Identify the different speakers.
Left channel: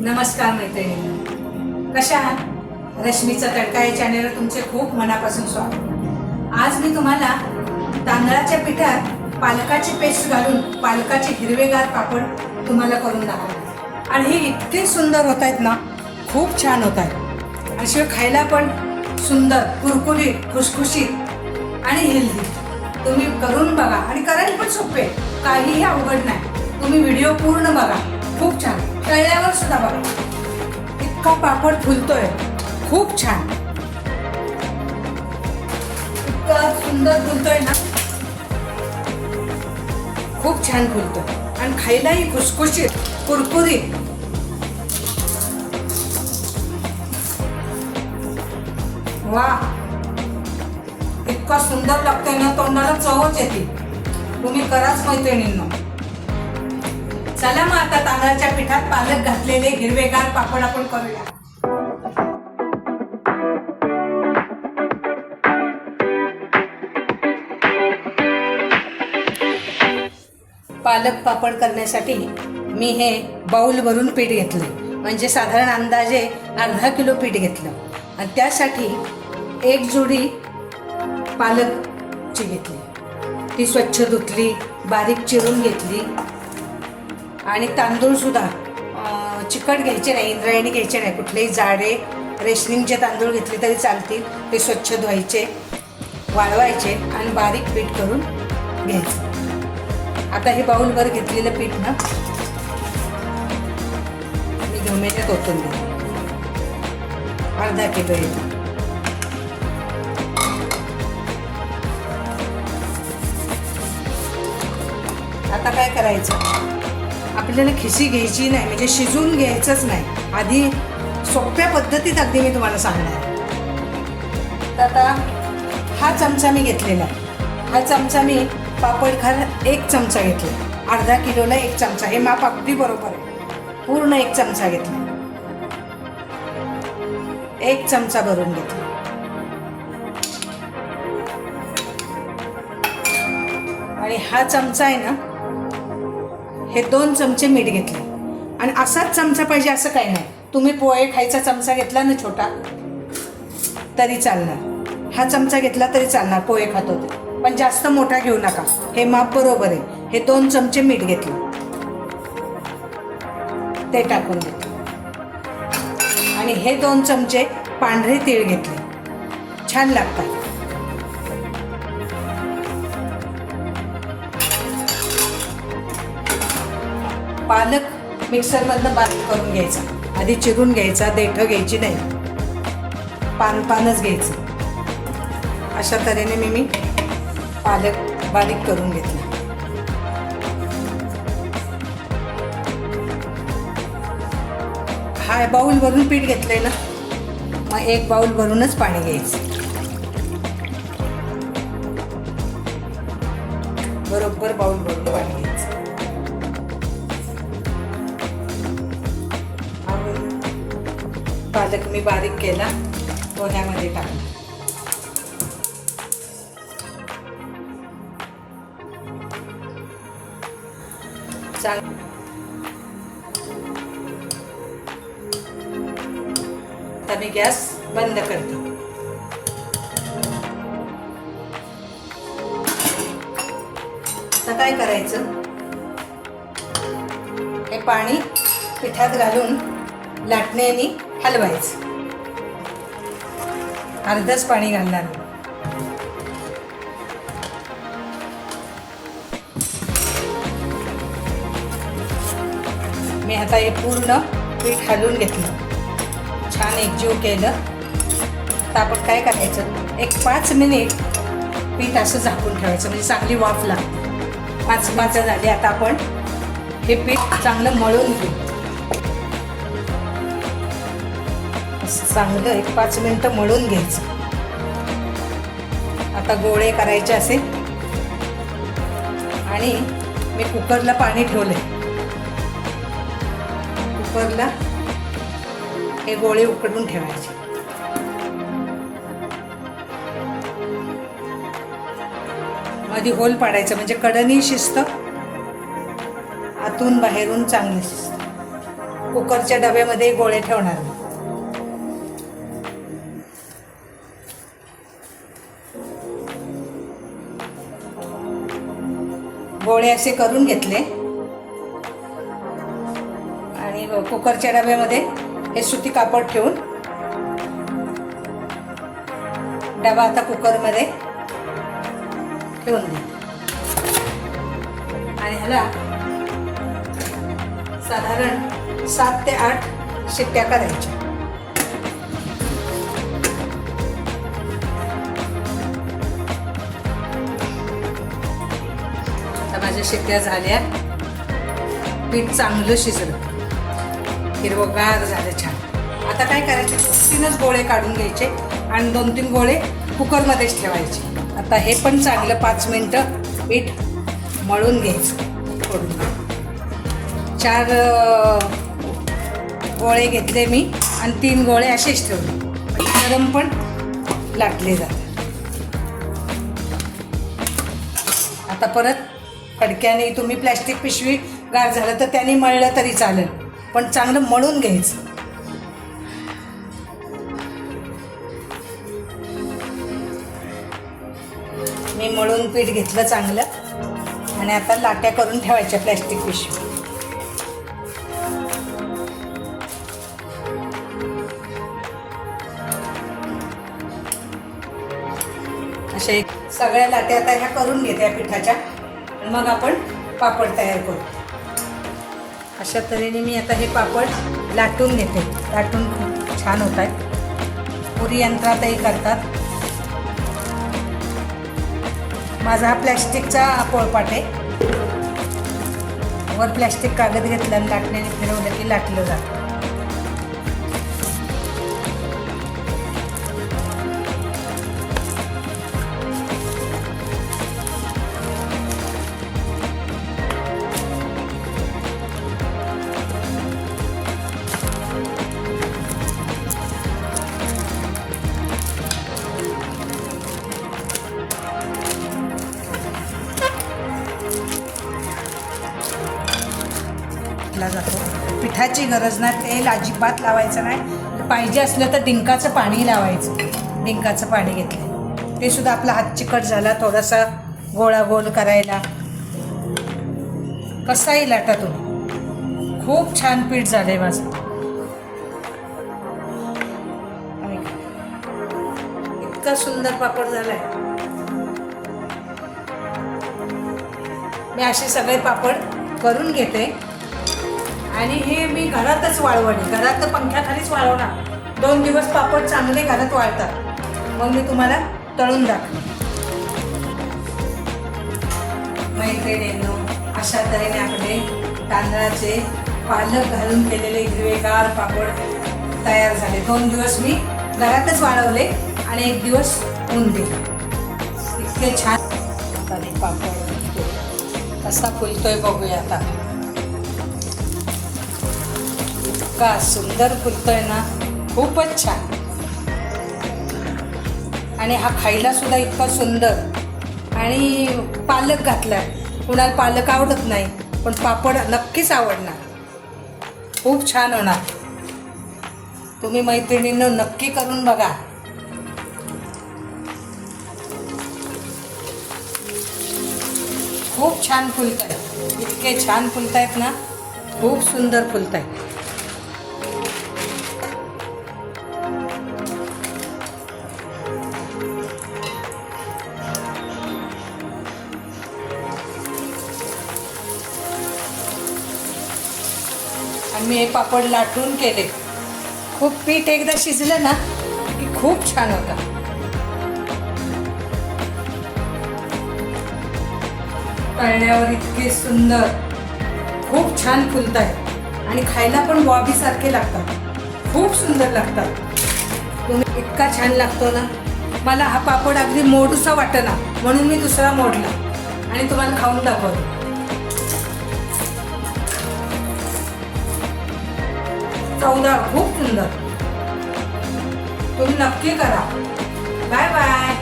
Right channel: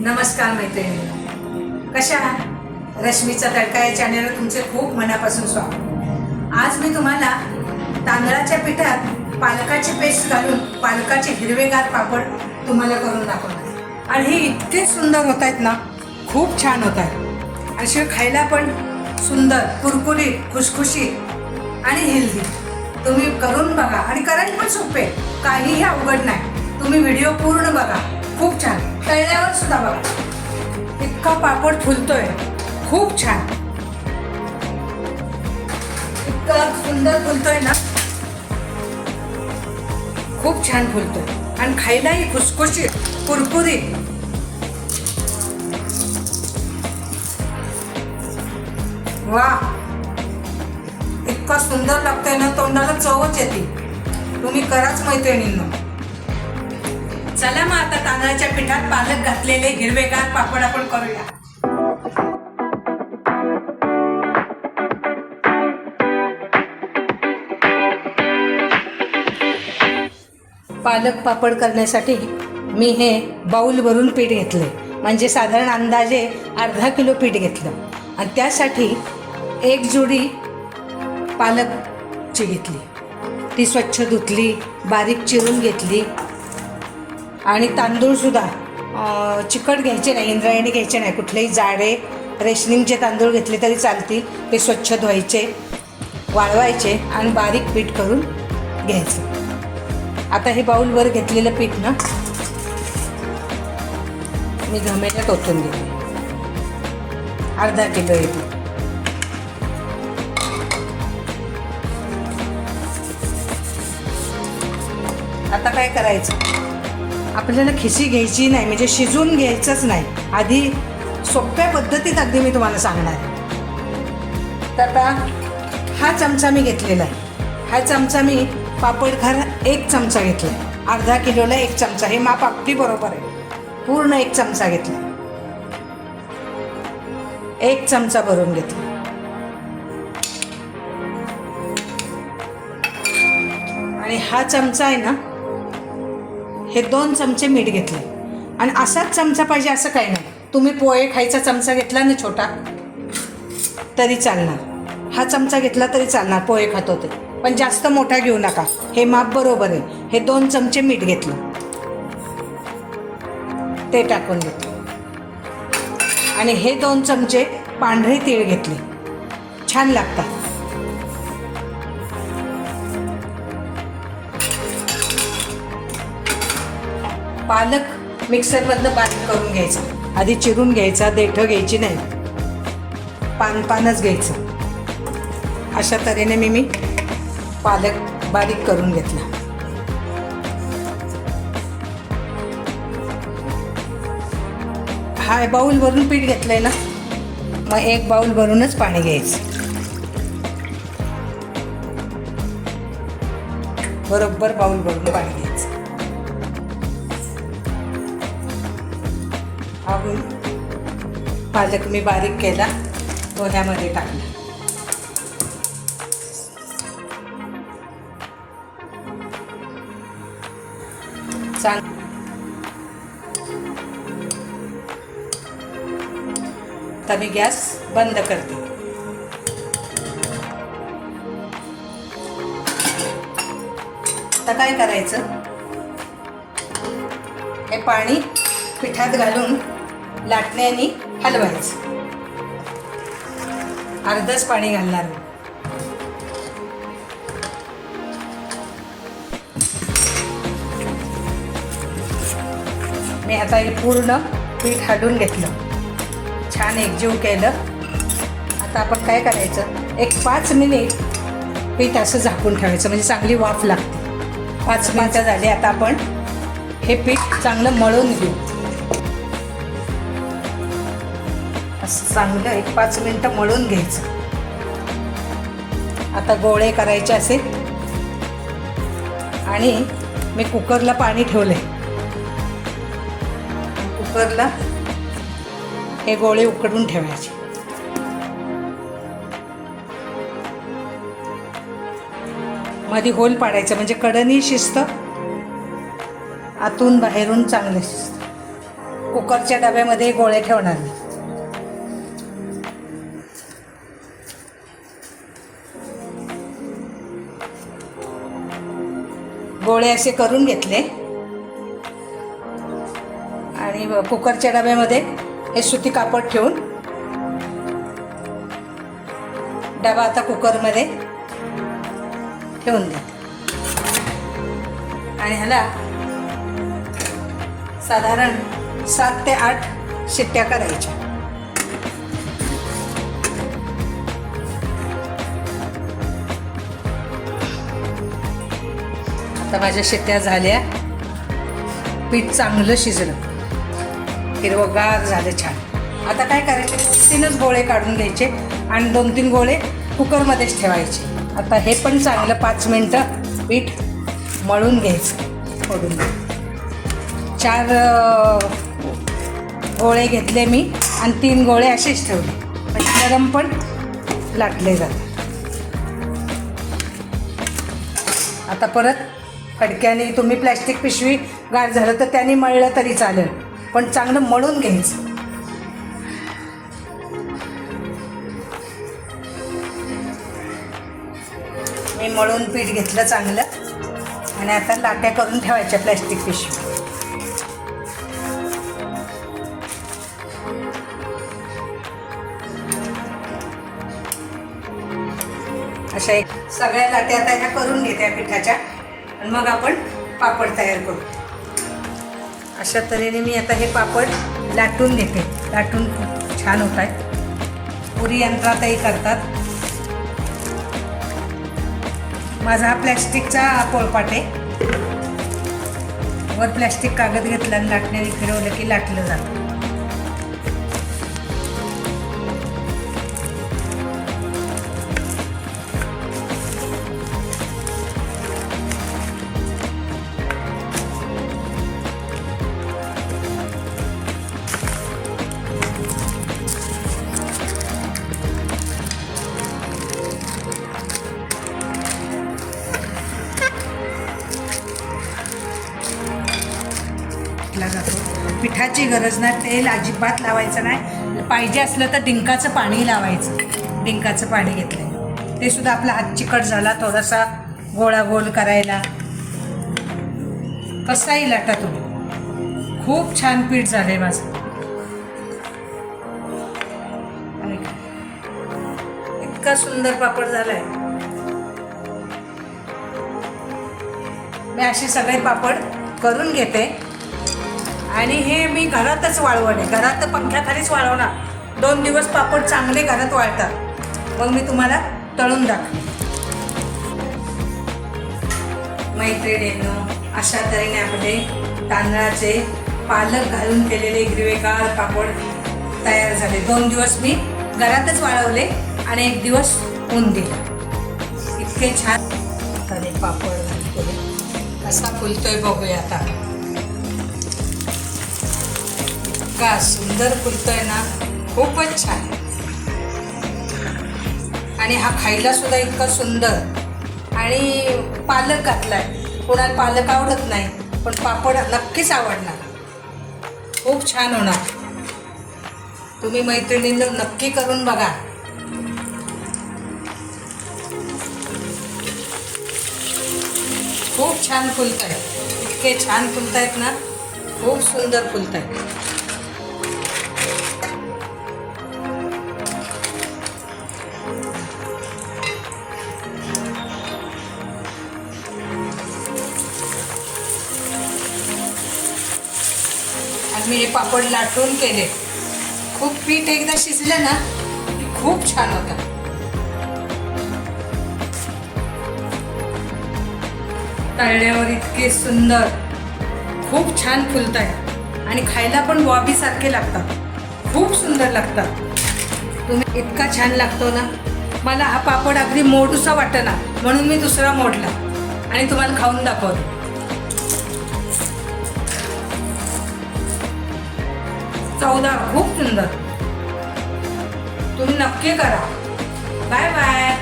Speaker 1: नमस्कार मैत्रिणी. कशा रश्मीचा तडका या चॅनलवर तुमचे खूप मनापासून स्वागत. आज मी तुम्हाला तांदळाच्या पिठात पालकाची पेस्ट घालून पालकाचे हिरवेगार पापड तुम्हाला करून दाखवणार. आणि हे इतके सुंदर होत आहेत ना खूप छान होत आहेत. असे खायला पण सुंदर कुरकुरीत खुशखुशीत आणि हेल्दी तुम्ही करून बघा. आणि करायला पण सोपे काहीही अवघड नाही. तुम्ही व्हिडिओ पूर्ण बघा. खूप छान. तळल्यावर सुद्धा बघा. इतका पापड फुलतोय. खूप छान. इतका सुंदर फुलतोय ना. खूप छान फुलतोय. आणि खायलाही खुसखुशीत कुरकुरीत. वा. इतका सुंदर लागतंय ना तोंडाला चवच येते. तुम्ही कराच मैत्रिणींना. चला मग आता तांदळाच्या पिठात पालक घातलेले हिरवेगार पापड आपण करूया. पालक पापड करण्यासाठी मी हे बाऊल भरून पीठ घेतले म्हणजे साधारण अंदाजे अर्धा किलो पीठ घेतलं. आणि त्यासाठी एक जोडी पालकची घेतली. ती स्वच्छ धुतली बारीक चिरून घेतली. आणि तांदूळसुद्धा चिकट घ्यायचे नाही इंद्रायणी घ्यायचे नाही. कुठलेही जाडे रेशनिंगचे तांदूळ घेतले तरी चालतील. ते स्वच्छ धुवायचे वाळवायचे आणि बारीक पीठ करून घ्यायचं. आता हे बाऊलवर घेतलेलं पीठ ना मी घमेट्यात ओतून घेते अर्धा किलो येते आता काय करायचं? आपल्याला खिसी घ्यायची नाही म्हणजे शिजून घ्यायचंच नाही. आधी सोप्या पद्धतीत अगदी मी तुम्हाला सांगणार. आहे. तर आता हा चमचा मी घेतलेला आहे. हा चमचा मी पापड खार एक चमचा घेतला अर्धा किलोला एक चमचा. हे माप अगदी बरोबर आहे. पूर्ण एक चमचा घेतला. एक चमचा भरून घेतला. आणि हा चमचा आहे ना हे दोन चमचे मीठ घेतले. आणि असाच चमचा पाहिजे असं काही नाही. तुम्ही पोहे खायचा चमचा घेतला ना छोटा तरी चालणार. हा चमचा घेतला तरी चालणार पोहे खात होते. पण जास्त मोठा घेऊ नका. हे माप बरोबर आहे. हे दोन चमचे मीठ घेतले. ते टाकून घेतले आणि हे दोन चमचे पांढरे तीळ घेतले. छान लागतात. पालक मिक्सरमधनं बारीक करून घ्यायचा. आधी चिरून घ्यायचा देठं घ्यायची नाही. पान पानच घ्यायचं. अशा तऱ्हेने मी मी पालक बारीक करून घेतला. हा बाऊल भरून पीठ घेतलंय ना? मग एक बाऊल भरूनच पाणी घ्यायचं. बरोबर बाऊल भरून पाणी पालक मी बारीक केला पोह्यामध्ये टाकला. चाल. आता मी गॅस बंद करते. आता काय करायचं? हे पाणी पिठात घालून लाटण्याने हलवायचं. अर्धच पाणी घालणार मी. मी आता हे पूर्ण पीठ हलवून घेतलं. छान एकजीव केलं. आता आपण काय करायचं? एक पाच मिनिट पीठ असं झाकून ठेवायचं. म्हणजे चांगली वाफ लागते. पाच मिनिटं झाली आता आपण हे पीठ चांगलं मळून घेऊ. चांगलं एक पाच मिनटं मळून घ्यायचं. आता गोळे करायचे असेल. आणि मी कुकरला पाणी ठेवले कुकरला हे गोळे उकडून ठेवायचे. मध्ये होल पाडायचं म्हणजे कडनी शिस्त आतून बाहेरून चांगले शिस्त. कुकरच्या डब्यामध्ये गोळे ठेवणार नाही. गोळे असे करून घेतले. आणि कुकरच्या डब्यामध्ये हे सुती कापड ठेवून डबा आता कुकरमध्ये ठेवून दे आणि ह्याला साधारण सात ते आठ शिट्ट्या करायच्या. आता माझ्या शेत्या झाल्या. पीठ चांगलं शिजलं. हिरवगार झालं छान. आता काय करायचे? तीनच गोळे काढून घ्यायचे आणि दोन तीन गोळे कुकरमध्येच ठेवायचे. आता हे पण चांगलं पाच मिनटं पीठ मळून घ्यायचं. फोडून चार गोळे घेतले मी आणि तीन गोळे असेच ठेवले. गरम पण लाटले जाते. आता परत फडक्याने तुम्ही प्लॅस्टिक पिशवी गार झालं तर त्याने मळलं तरी चालेल. पण चांगलं मळून घ्यायचं. मी मळून पीठ घेतलं चांगलं. आणि आता लाट्या करून ठेवायच्या प्लॅस्टिक पिशवी. अशा एक सगळ्या लाट्या आता ह्या करून घेत्या पिठाच्या. मग आपण पापड तयार करू. अशा तऱ्हेने मी आता हे पापड लाटून घेते. लाटून खूप छान होत आहेत. पुरी यंत्रातही करतात. माझा हा प्लॅस्टिकचा पोळपाट आहे. वर प्लॅस्टिक कागद घेतला आणि लाटण्याने फिरवलं की लाटलं जातं. पिठाची गरज नाही तेल अजिबात लावायचं नाही. पाहिजे असलं तर डिंकाचं पाणी लावायचं. डिंकाचं पाणी घेतलं. ते सुद्धा आपला हात चिकट झाला थोडासा गोळा गोल करायला. कसाही लाटा तुम्ही खूप छान पीठ झालंय माझं. इतका सुंदर पापड झालाय. मी असे सगळे पापड करून घेते. आणि हे मी घरातच वाळवणे घरात तर पंख्याखालीच वाळवणार. दोन दिवस पापड चांगले घरात वाळतात. मग मी तुम्हाला तळून दाखवे मैत्रिणींनो अशा तऱ्हेने आपले तांदळाचे पालक घालून केलेले हिरवेगार पापड तयार झाले. दोन दिवस मी घरातच वाळवले आणि एक दिवस ऊन दिले. इतके छान झाले पापड. कसा फुलतोय बघूया आता. इतका सुंदर फुलतोय ना खूपच छान. आणि हा खायला सुद्धा इतका सुंदर. आणि पालक घातलाय. कुणाला पालक आवडत नाही पण पापड नक्कीच आवडणार. खूप छान होणार. तुम्ही मैत्रिणींना नक्की करून बघा. खूप छान फुलत आहेत इतके छान फुलत आहेत ना खूप सुंदर फुलत आहेत मी हे पापड लाटून केले. खूप पीठ एकदा शिजलं ना की खूप छान होतं. तळल्यावर इतके सुंदर खूप छान फुलत आहे आणि खायला पण बॉबीसारखे लागतात. खूप सुंदर लागतात. तुम्ही इतका छान लागतो ना. मला हा पापड अगदी मोडूसा वाटला म्हणून मी दुसरा मोडला. आणि तुम्हाला खाऊन दाखवतो. चौदा खूप सुंदर. तुम्ही नक्की करा. Bye bye.